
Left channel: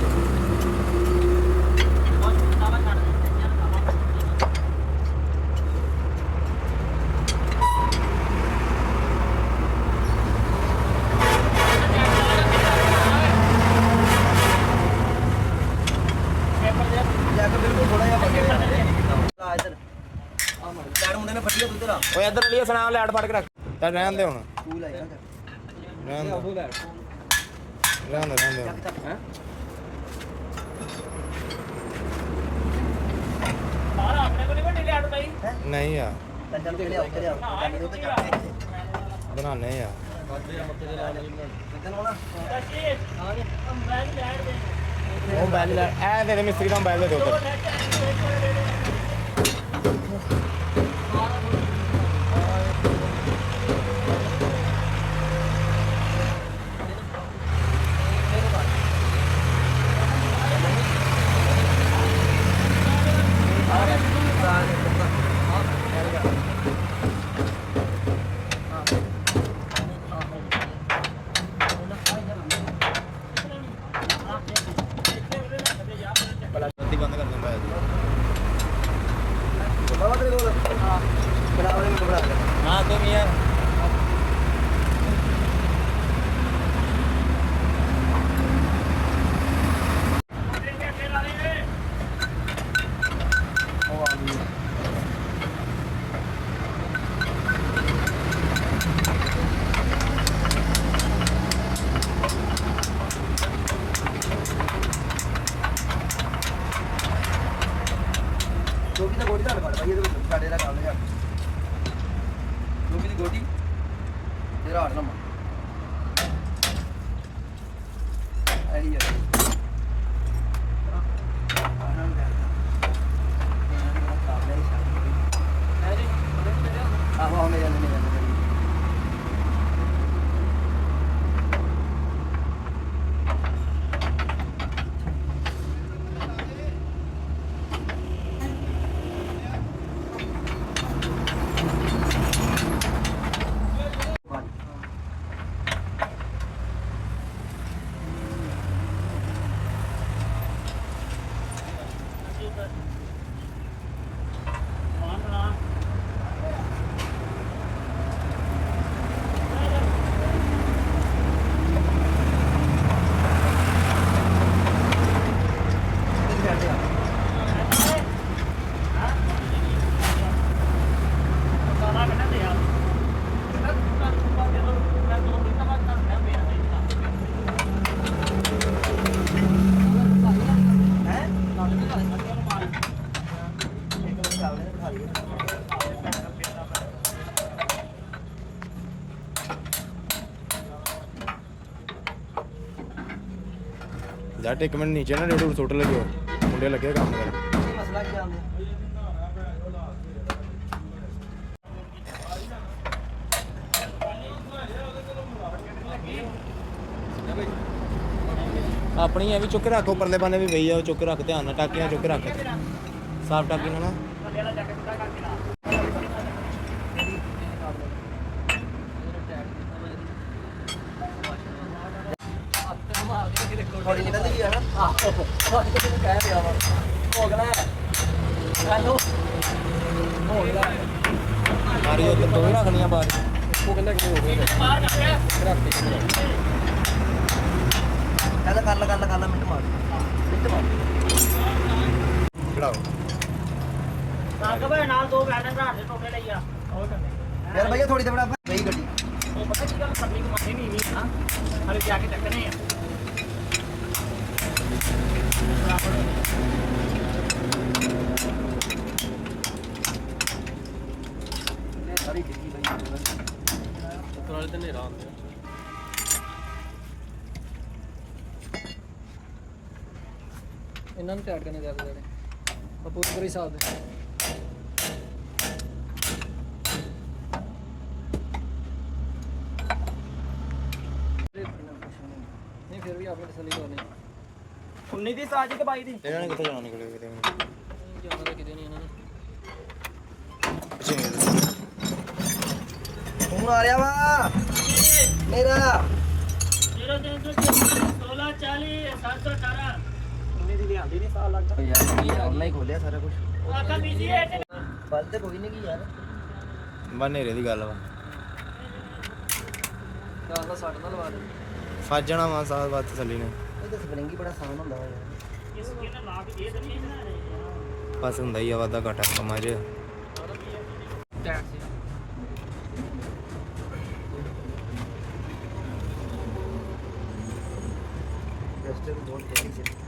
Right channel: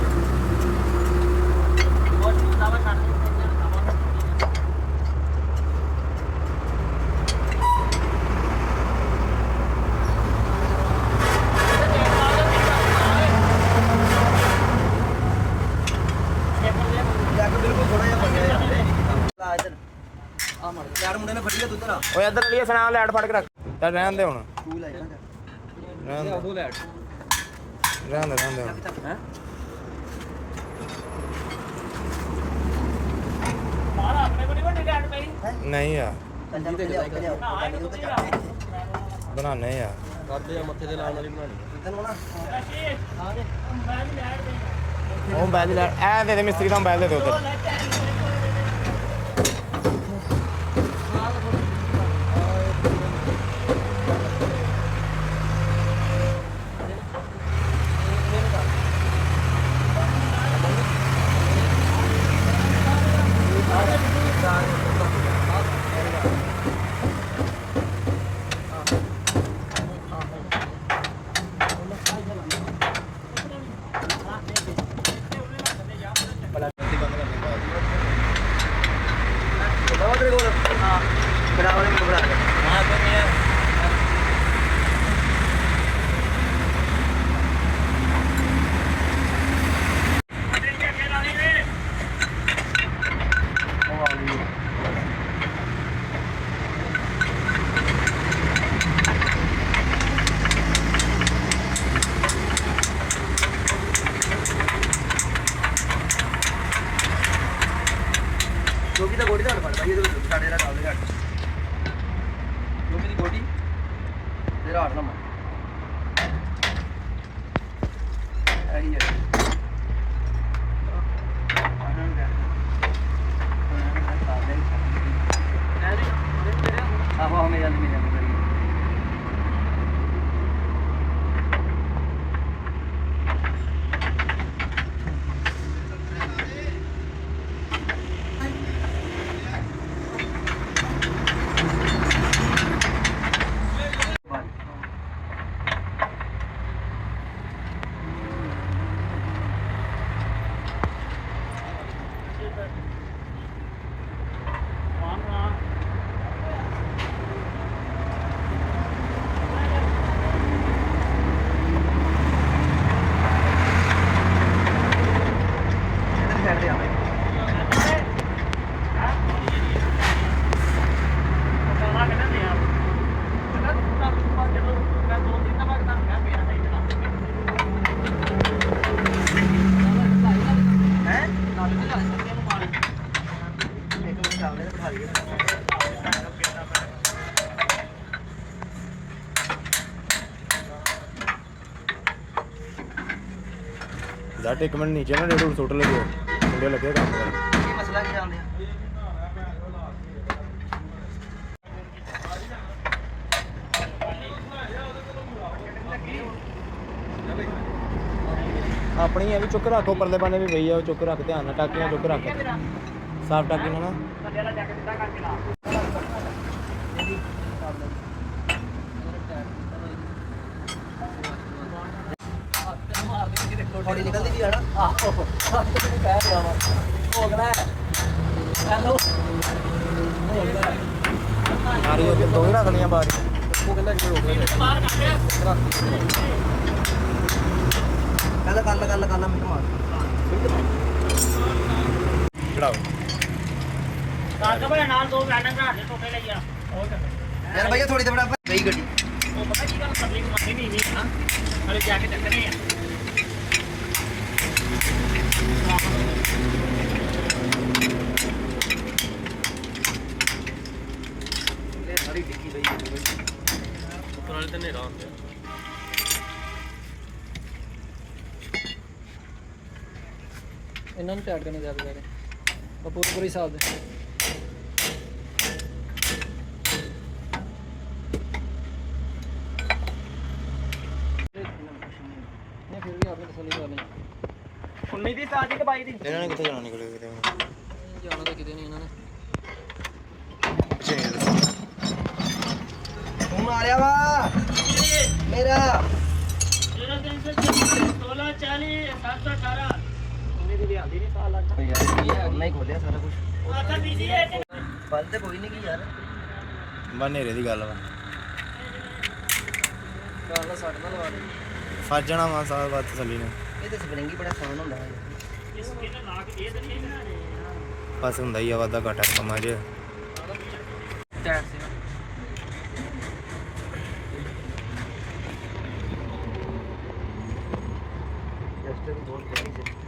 ਬਹੁਤ ਜ਼ਿਆਦਾ ਛੱਡ ਦੇ ਯਾਰ ਕਾਬਾ ਜਾ ਕੇ ਬਿਲਕੁਲ ਥੋੜਾ ਜਿਹਾ ਫੜਿਆ ਆ ਇੱਧਰ ਆ ਮੜ ਲੈਣ ਮੁੰਡੇ ਨੇ ਫੜੀ ਆ ਤੂੰ ਇੱਧਰ ਆ ਓਏ ਇੱਧਰ ਲਈ ਸੁਣਾ ਲੈਟ ਫੜ ਕੇ ਰੱਖ ਚੱਲ ਰਹਿਣ ਦੇ ਹੁਣ ਤੂੰ ਲੈ ਜਾ ਰਹਿਣ ਦੇ ਉਹ ਲੈ ਰਹਿਣ ਦੇ ਹੁਣ। ਹੈ ਬਾਹਰ ਆਪਣੇ ਕੋਲ ਨਹੀਂ ਵੱਡੀ ਲੈਟ ਪਈ ਨਹੀਂ ਆ ਚੱਲ ਕੇ ਲਿਆਓ ਚੱਲ ਉਹ ਤੇ ਚੱਕ ਇੱਥੇ ਬਣਾਣੇ ਆ ਕਰਦੇ ਆ ਮੱਥੇ ਦੇ ਨਾਲ ਵਾਲੀ ਬਣਾਣੀ ਤੈਨੂੰ ਨਾ ਕੀ ਆ ਗਿਆ ਮੈਂ ਲੈਟ ਦੇ ਉਹ ਮੋਬਾਈਲ ਲੈ ਐ ਦੇ ਮਿਸਤਰੀ ਦਾ ਮੋਬਾਈਲ ਦੇ ਦੇ ਉਧਰ ਬਾਬਾ ਤੇਰੇ ਕੋਲ ਹਾਂ ਬਣਾ ਵਾਲੇ ਨੂੰ ਬਣਾ ਲੈ ਮੈਂ ਤੇ ਮੀਆਂ ਫੜ ਭਾਈ ਇਹਦੇ ਵਿੱਚ ਸਾਡੇ ਦਾ ਗੱਲ ਘੱਟ ਲੋਕੀ ਦੀ ਗੋਡੀ ਤੇ ਰਾੜ ਨਾ ਮਾਰ ਇਹੀ ਹੈ ਆਨੰਦ ਹੈ ਆਹੋ ਹਮੇ ਜਾਂਦੇ ਕਰੀ ਜੱਟ ਇੱਕ ਮਿੰਟ ਨੀਚੇ ਨਾ ਡੇਢ ਸੁੱਟ ਲੱਗਿਓ ਮੁੰਡੇ ਲੱਗੇ ਕੰਮ ਕਰਨ ਇਹ ਮਸਲਾ ਕੀ ਜਾਂਦੇ ਆ ਆਪਣੀ ਐ ਵੀ ਚੁੱਕ ਰੱਖੋ ਪਰਲੇ ਬੰਦੇ ਵੀ ਪਈ ਆ ਉਹ ਚੁੱਕ ਰੱਖ ਧਿਆਨ ਨਾਲ ਟਾਕੀਆਂ ਚੁੱਕ ਰੱਖ ਸਾਫ ਟਾਕੀ ਨਾਲ ਨਾ ਥੱਲੇ ਵਾਲਾ ਜੱਗ ਸਿੱਧਾ ਕਰਕੇ ਲਾ ਬੜੀ ਨਿਕਲਦੀ ਵੀ ਆ ਨਾ ਆਹੋ ਤੈਨੂੰ ਕਹਿ ਰਿਹਾ ਵਾ ਭੋਗਣਾ ਹੈਲੋ ਭੋਗਣਾ ਨਾਰੀ ਉਹ ਦੋ ਹੀ ਰੱਖ ਲਈਆਂ ਬਾਅਦ ਉਹ ਕਹਿੰਦਾ ਕਿ ਰੋਕ ਰਿਹਾ ਬਾਹਰ ਕੱਢ ਕਹਿੰਦਾ ਕਰ ਲਾ ਮਿੰਟ ਮਾਰ ਚੜਾਓ ਕਾਕਾ ਭਾਈ ਨਾਲ ਦੋ ਬੈਠੇ ਘਰ ਦੇ ਟੋਟੇ ਲਈ ਆ ਉਹ ਕਰਦੇ ਯਾਰ ਭਈਆ ਥੋੜੀ ਤੇ ਬੜਾ ਗਈ ਗੱਡੀ ਉਹ ਪਤਾ ਕੀ ਗੱਲ ਪਤਲੀ ਕਮਾਈ ਨਹੀਂ ਹੈਗੀ ਹਾਂ ਹਲੇ ਜਾ ਕੇ ਚੱਕਣੇ ਆ ਇਹ ਸਾਰੀ ਡਿੱਗੀ ਪਈ ਹੈ ਉੱਪਰ ਵਾਲੇ ਤੇ ਨੇਰਾ ਹੁੰਦੇ ਇਹਨਾਂ ਨੂੰ ਟਾਈਟ ਕਰਨੇ ਜ਼ਿਆਦਾ ਜ਼ਿਆਦਾ ਪੂਰੀ ਹਿਸਾਬ ਦੇ ਨਹੀਂ ਫਿਰ ਵੀ ਆਪੇ ਤਸੱਲੀ ਕਰ ਲਈ 19 ਦੀ ਸਾਜੀ ਕਿ 22 ਦੀ ਇਹਨਾਂ ਨੇ ਕਿੱਥੇ ਜਾਣਾ ਨਿਕਲੇ ਕਿਤੇ ਜਾਣਾ ਤਾਂ ਕਿਤੇ ਨਹੀਂ ਇਹਨਾਂ ਨੇ ਫੋਨ ਆ ਰਿਹਾ ਵਾ ਮੇਰਾ 16 40 718 ਉਹਨੇ ਦੀ ਲਿਆਂਦੀ ਨਹੀਂ ਸਾਲ ਲੱਗ ਯਾਰ ਉਹਨਾਂ ਹੀ ਖੋਲਿਆ ਸਾਰਾ ਕੁਝ ਆਕਾ ਬੀਜੀ ਹੈ ਪਲ ਤੇ ਕੋਈ ਨਹੀਂ ਕੀ ਯਾਰ ਬਾ ਨੇਰੇ ਦੀ ਗੱਲ ਵਾ ਕਾਰ ਦਾ ਸੱਟ ਨਾ ਲਵਾ ਦੇ ਫਸ ਜਾਣਾ ਵਾ ਸਾਲ ਬਾਅਦ ਤਸੱਲੀ ਨੇ ਇਹ ਤਾਂ ਸਪਰਿੰਗ ਹੀ ਬੜਾ ਆਸਾਨ ਹੁੰਦਾ ਵਾ ਯਾਰ ਇਸ ਕਿਨ ਲਾ ਕੇ ਇਹ ਤਾਂ ਨਹੀਂ ਬਣਾ ਰਹੇ ਫਸ ਹੁੰਦਾ ਹੀ ਆ ਵਾਦਾ ਘਾਟਾ ਕੰਮਾਂ 'ਚ ਟਾਇਰ ਸੀ ਰਸਤੇ ਵੀ ਬਹੁਤ ਬੜੀ ਸੀ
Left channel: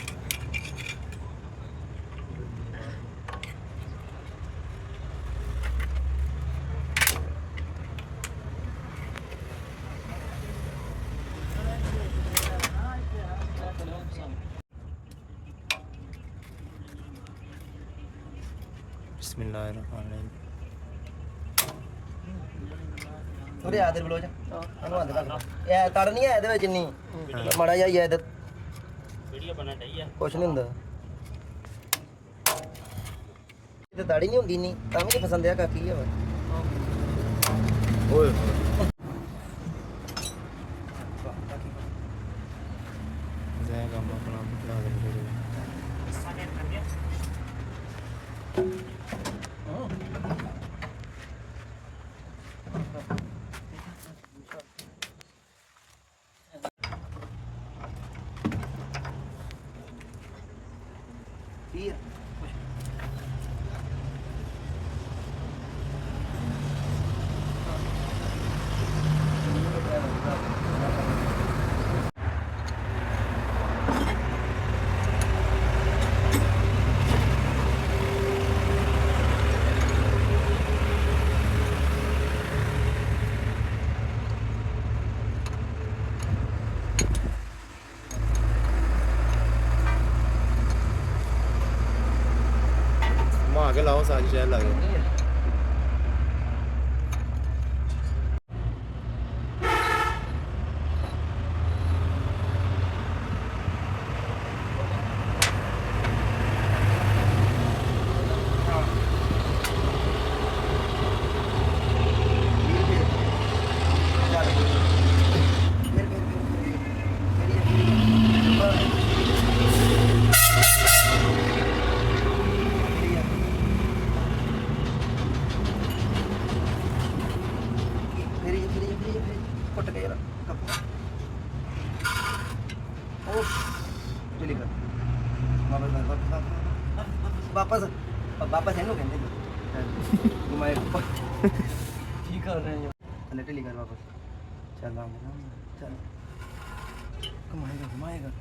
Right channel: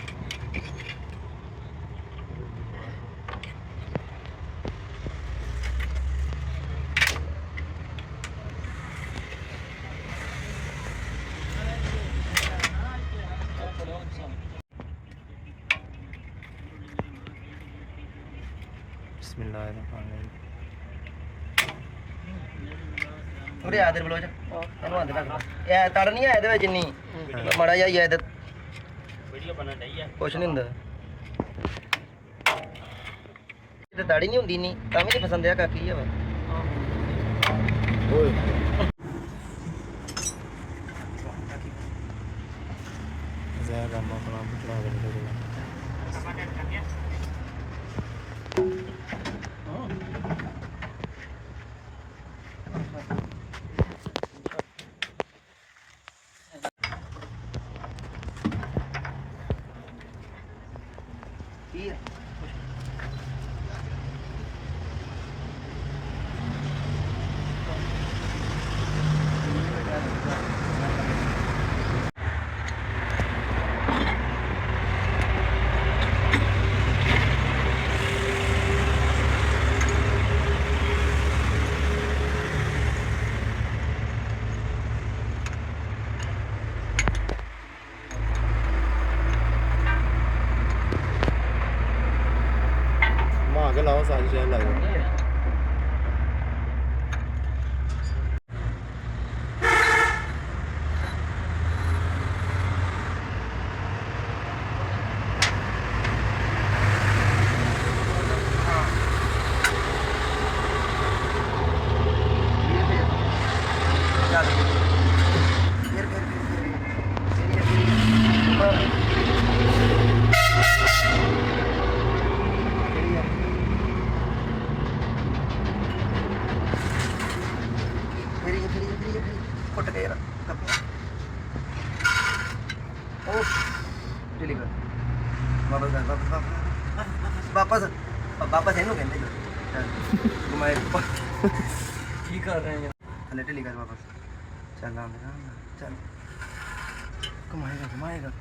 ਬਿਸਮਿਲ੍ਲਾਹਿਰਰਹਿਮਾਨਿਰਰਹੀਮ ਉਰੇ ਆਦਰ ਬਲੋਚ ਇਹਨੂੰ ਅੰਦਰ ਰੱਖ ਇਹ ਤੜ ਨਹੀਂ ਆ ਇਹਦੇ ਵਿੱਚ ਇੰਨੀ ਮਾੜਾ ਜਿਹਾ ਹੀ ਆ ਇਹਦੇ ਵੀਡੀਓ ਬਣਨ ਡਈ ਆ ਕੁਛ ਨਹੀਂ ਹੁੰਦਾ ਤੇ ਦਾੜੀ ਨਹੀਂ ਹੁੰਦੀ ਨਹੀਂ ਤਾਂ ਵੀ ਨਹੀਂ ਪਸੰਦ ਆ ਕਾਕੀ ਆ ਵਾ ਓਏ ਜ਼ਹਿਰ ਕੰਮ ਆਪਣਾ ਬਚਾ ਕੇ ਨਿਕਲ ਕੀ ਆ ਕੇ ਲਾਓ ਸਾਰੀ ਸ਼ਹਿਰ ਲੱਗ ਜਾਏ ਕੁੱਟ ਕੇ ਯਾਰ ਉਹ ਚਲੀ ਗਈ ਵਾਪਸ ਇਹਨੂੰ ਕਹਿੰਦੇ ਘੁਮਾਏ ਕੀ ਕਰ ਰਹੇ ਹੋ ਥੱਲੇ ਢਿੱਲੀ ਕਰ ਵਾਪਸ ਚੱਲ ਆਉਂਦੇ ਨਾ ਚੱਲ ਘੁਮਾਏਗਾ ਘੁਮਾਏਗਾ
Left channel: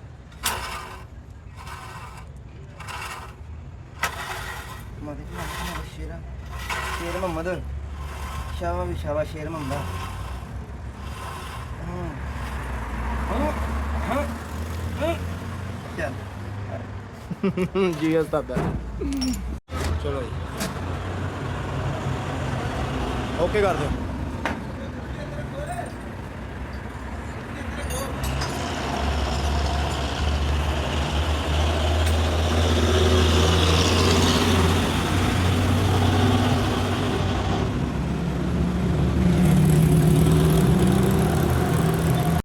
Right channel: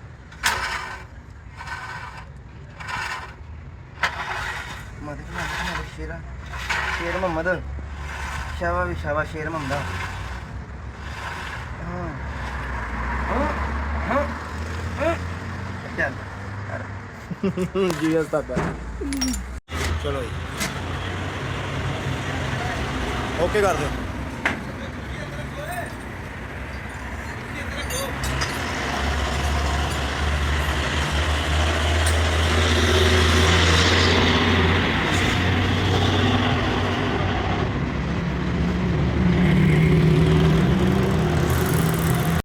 ਮਾਦੇ ਸ਼ੇਰਾ ਸ਼ੇਰ ਮੁਹੰਮਦ ਸ਼ਾਬਾਸ਼ ਸ਼ੇਰ ਮੁਹੰਮਦ ਚੱਲ ਜੀ ਉਸਤਾਦ ਚਲੋ ਜੀ ਓਕੇ ਕਰ ਦਿਓ